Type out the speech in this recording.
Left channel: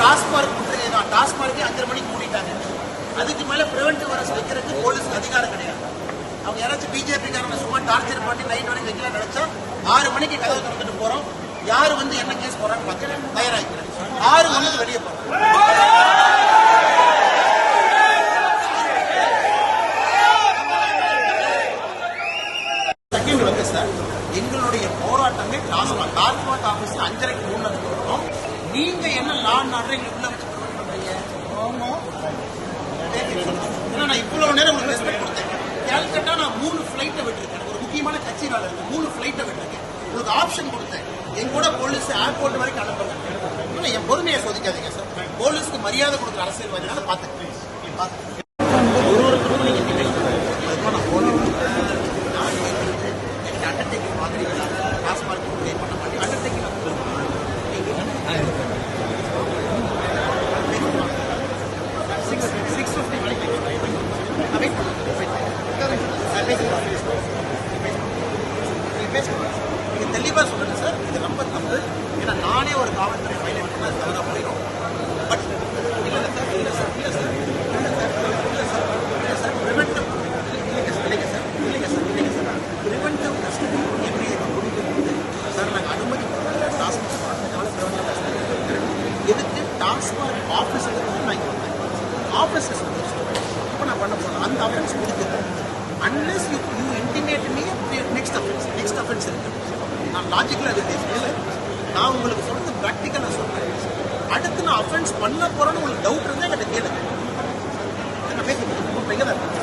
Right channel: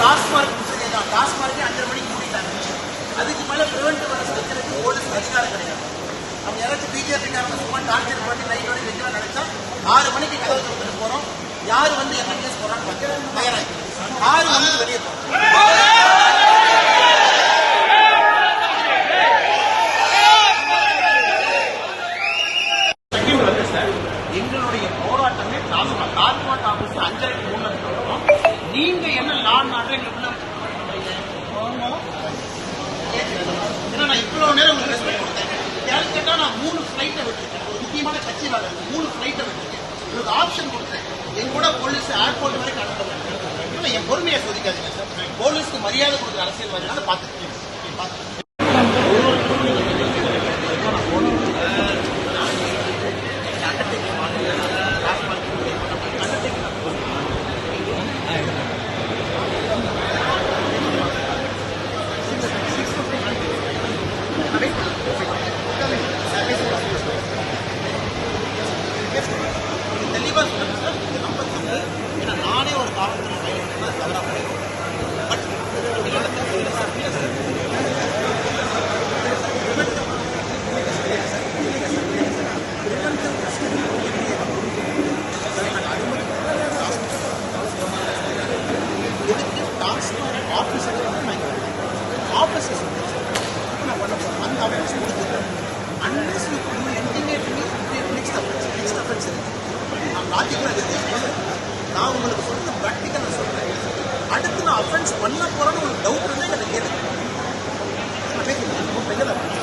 டாஸ்மார்க் தான். டாஸ்மார்க்கே 5:30 மணிக்கு மூடிட்டாங்க. அதுக்கு மேலே பிரிவென்டிவ் மெஷர்ஸ் வைக்கிறதுக்கு போலீஸ்க்கு அதிகாரம் கிடையாது. அவங்க யாராச்சும் பிஜேபிக்காரங்க சும்மா டார்ச்சர் பண்ணி லைட் வச்சு வைக்கிறாங்க நினைச்சா 6 மணிக்கு கதவை கொடுத்துட்டு போறோம். யாரு வந்து என்ன கேஸ் போறான்னு பார்க்க தயாராகிறேன். 6 மணிக்கு வெளியே போறோம். எங்களுடைய போராட்டங்கள் டாஸ்மாக் ஆபீஸ்ல 5:30 மூணு வரும். நீங்க என்ன நான் எங்களை உள்ள வச்சு பண்றீங்க? ஏன்னா நான் இவ்வளவு நேரம் உங்களுக்கு ரெஸ்பெக்ட் கொடுத்தேன். கேட்டா நான் 3 ஃபிளைட்டை விட்டுருக்கேன். ஒரு முக்கியமான கட்சி வேலை 3 ஃபிளைட்டை விட்டுருக்கேன். உங்களுக்கு ஆப்ஷன் கொடுத்தேன். என் கூட போலீஸ் ஏர்போர்ட் வரைக்கும் அனுப்புறேன். என் பொறுமையை சோதிக்காதீங்க சார். போலீஸ்க்கு மரியாதை கொடுக்குற அரசியல்வாதினால பார்த்துக்கிட்டேன். தெளிவா சொல்லுங்க சார். இது நம்பர் வந்து ஏன்னா நானே ஒரு காவல்துறை பையன் தவறா போயிடும். பட் இல்ல சார் எதுக்கு டாஸ்மாக் ஆஃபீஸர் வந்து ஆஃபீஸர்ஸ் இப்போ நான் பண்ண போகிறேன். அந்த ஆஃபீஸ் கொடுத்துருக்கேன். Unless you intimate me next offence இருக்கு. நான் லாஜிக்கலாக அது நான் உங்களுக்கு சொல்றது ப்ராக்டிக்கலாக சொல்கிறேன். அடுத்து நான் அஃபென்ஸ் பண்ண போகிறேன்னு உங்களுக்கு டவுட் வந்து எனக்கு கேட்குறேன். கேட்குறேன்